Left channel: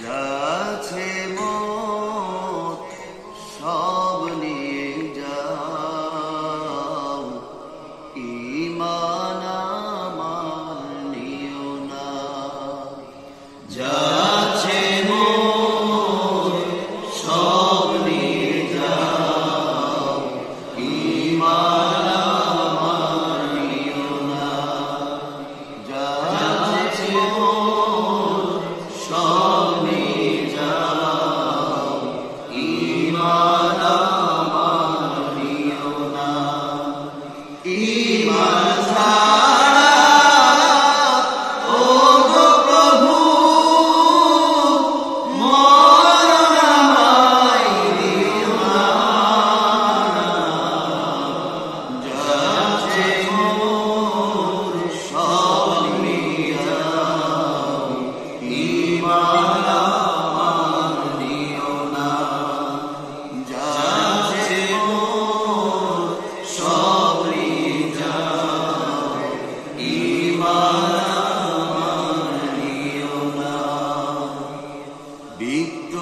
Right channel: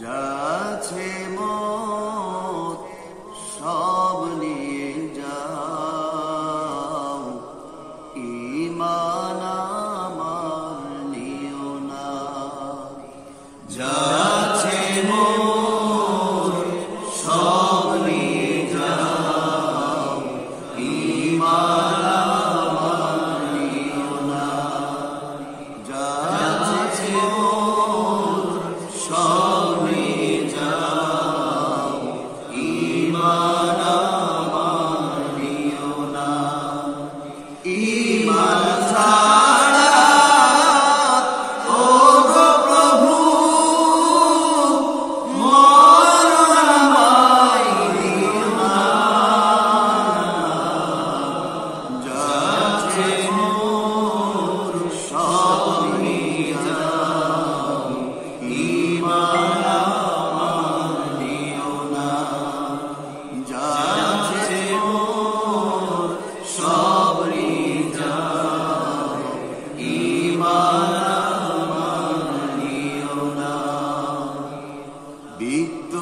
যাচ্ছে মত সব নিয়ে যাও, ঈমান আমার নিও না। যাচ্ছে মত সব নিয়ে যাও, ঈমান আমার নিও না। যাচ্ছে মত সব নিয়ে যাও, ঈমান আমার নিও না। ঈমান ছাড়া ও গো প্রভু মরণ আমায় দিও না। যাচ্ছে মত সব নিয়ে যাও, ঈমান আমার নিও না। যাচ্ছে মত সব নিয়ে যাও, ঈমান আমার নিও না। বিত্ত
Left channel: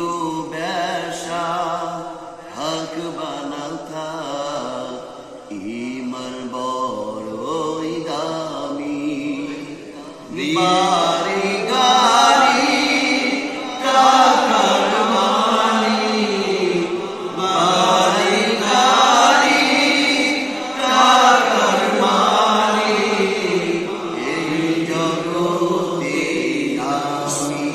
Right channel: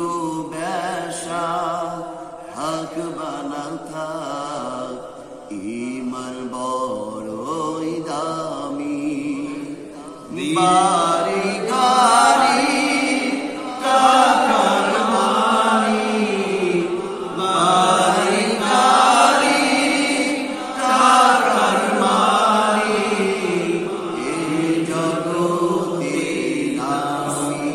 বেশা হক বানাও থাক, ঈমান বড়ই দামি। বাড়ি গাড়ি টাকার মালিক, বাড়ি গাড়ি টাকার মালিক, এই জগতে আমি।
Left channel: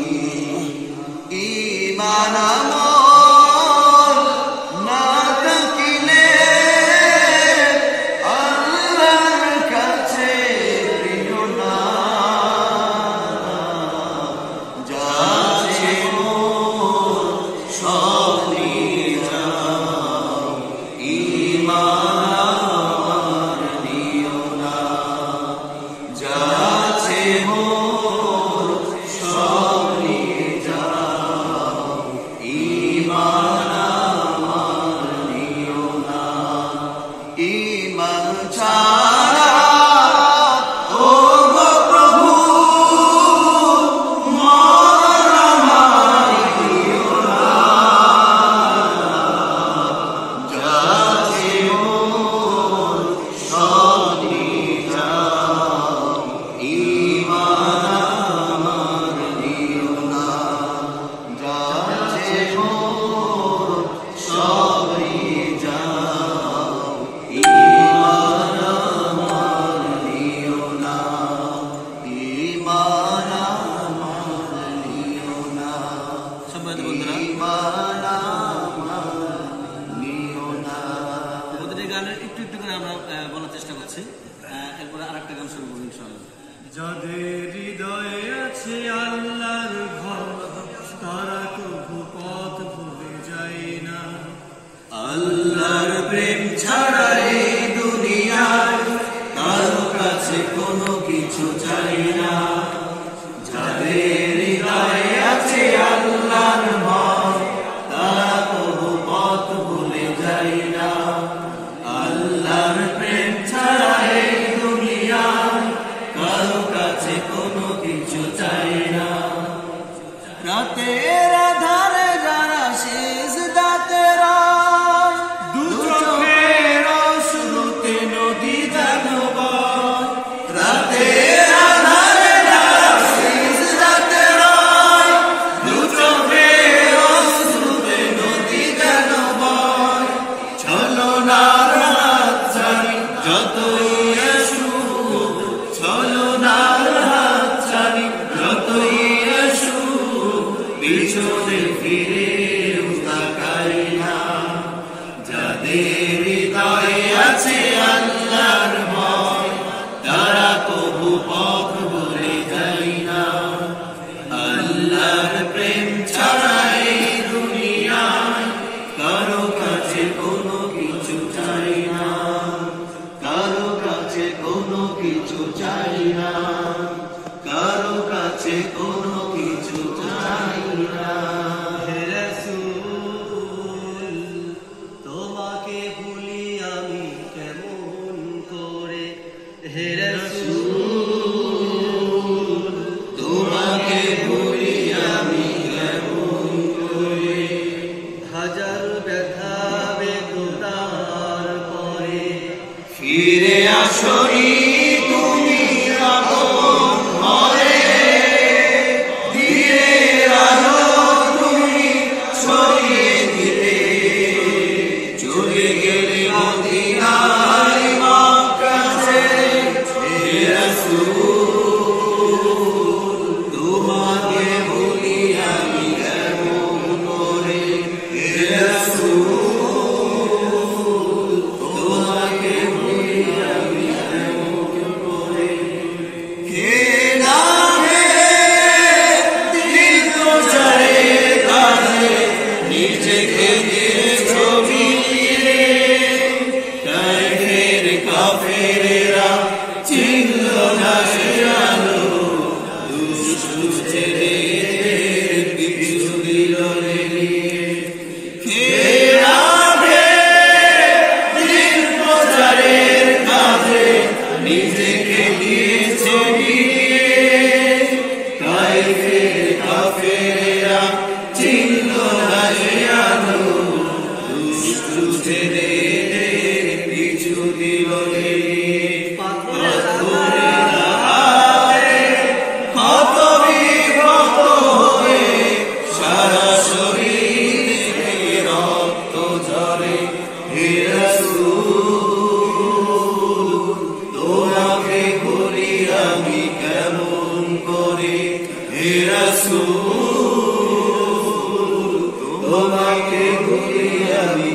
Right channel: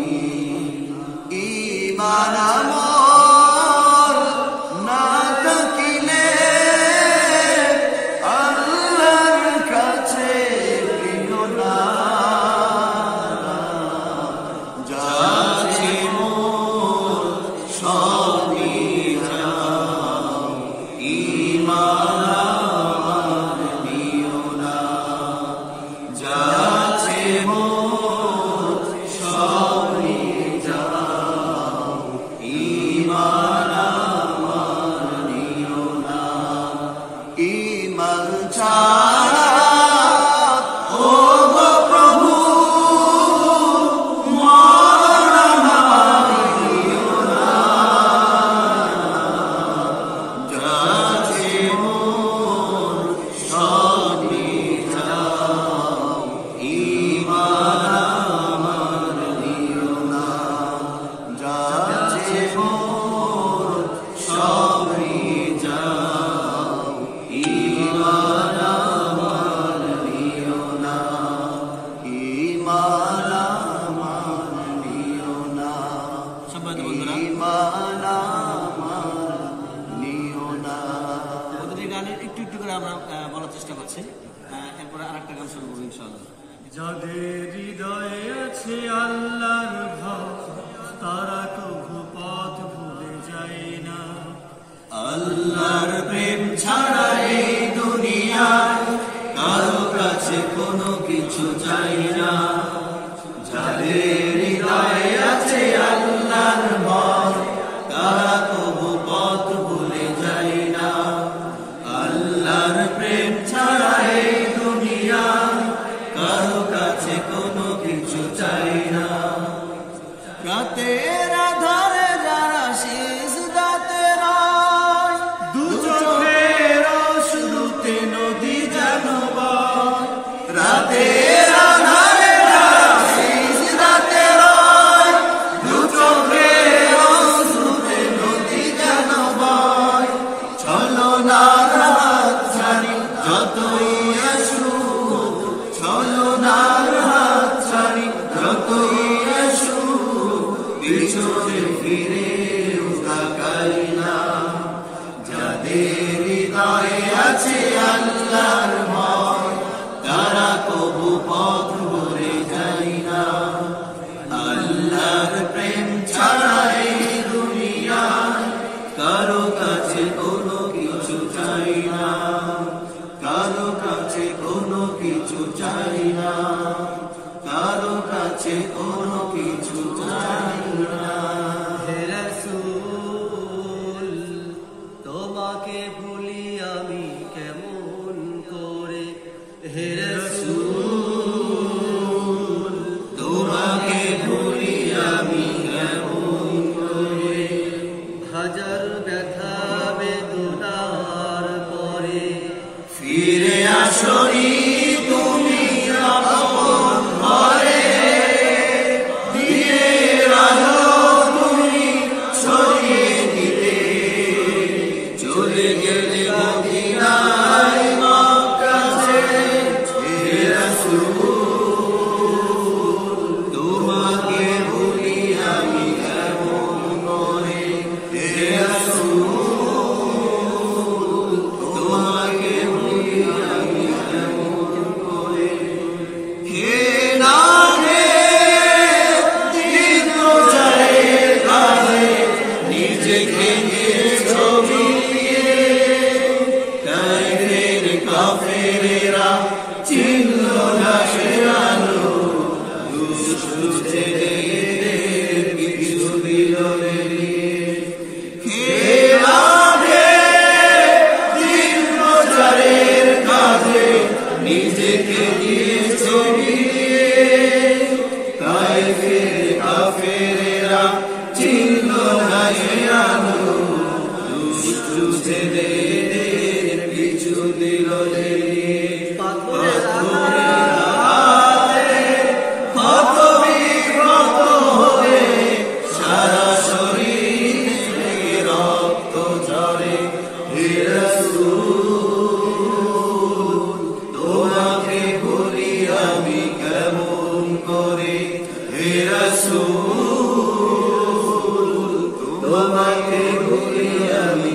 ঈমান আমল না থাকিলে আল্লাহর কাছে প্রিয় না। যাচ্ছে মত সব নিয়ে যাও, ঈমান আমার নিও না। যাচ্ছে মত সব নিয়ে যাও, ঈমান আমার নিও না। ঈমান ছাড়া ও গো প্রভু মরণ আমায় দিও না। যাচ্ছে মত সব নিয়ে যাও, ঈমান আমার নিও না। যাচ্ছে মত সব নিয়ে যাও, ঈমান আমার নিও না। ঈমান আমার নিও না। ঈমান আমার নিও না। আমাদের এই গানের একটু একটু করে আমরা বলার চেষ্টা করছি, এরপরে আরেকটা গান শুনবো ইনশাআল্লাহ। যাদের হৃদয়ে আছে আল্লাহর ভয়, তারা কবু পথ ভুলে যায় না। আল্লাহর প্রেম ছাড়া এই দুনিয়ায় কারো কাছে কোনো কিছু চাই না। যাদের হৃদয়ে আছে আল্লাহর ভয়, তারা কবু পথ ভুলে যায় না। আল্লাহর প্রেম ছাড়া এই দুনিয়ায় কারো কাছে কোনো কিছু চাই না। রাতের আধারে যারা সিজদাতে রয়, দু চোখের অশ্রুতে নদী যেন বয়। রাতের আধারে যারা সিজদাতে রয়, দু চোখের অশ্রুতে নদী যেন বয়। ছলনার হাত ছাড়ি যতই আসুক, ছলনার হাত ছাড়ি যতই আসুক, পিছনে ফিরেও তাকাই না। যাদের হৃদয়ে আছে আল্লাহর ভয়, তারা কবু পথ ভুলে যায় না। আল্লাহর প্রেম ছাড়া এই দুনিয়ায় কারো কাছে কোনো কিছু চাই না। কারো কাছে কোনো কিছু চাই না। কারো কাছে কোনো কিছু চাই না। হে রাসূল, তোমাকে ভুলি আমি কেমন করে। সরাসরি তুমি আপন হয়ে দিনের আলো তুমি ছড়িয়ে দিলে চলে গেলে মদিনায় মক্কাতে হে রাসূল তোমাকে ভুলি আমি কেমন করে হে রাসূল তোমাকে ভুলি আমি কেমন করে কে নামে দীর্ঘ যায় কাঁধে নিজেকে নিয়ে ছবি কাফের কাফেরেরা চিনল না সে আলো দুষ্টু ছেলেদের পিছু দিল লেলিয়ে কে নামে দীর্ঘ যায় কাঁধে নিজেকে নিয়ে ছবি কাফের কাফেরেরা চিনল না সে আলো দুষ্টু ছেলেদের পিছু দিল লেলিয়ে পাথরের হাতে ক্ষত বিক্ষত হয়ে সারা শরীর থেকে রক্ত ঝরে হে রাসূল তোমাকে ভুলি আমি কেমন করে হে রাসূল তোমাকে ভুলি আমি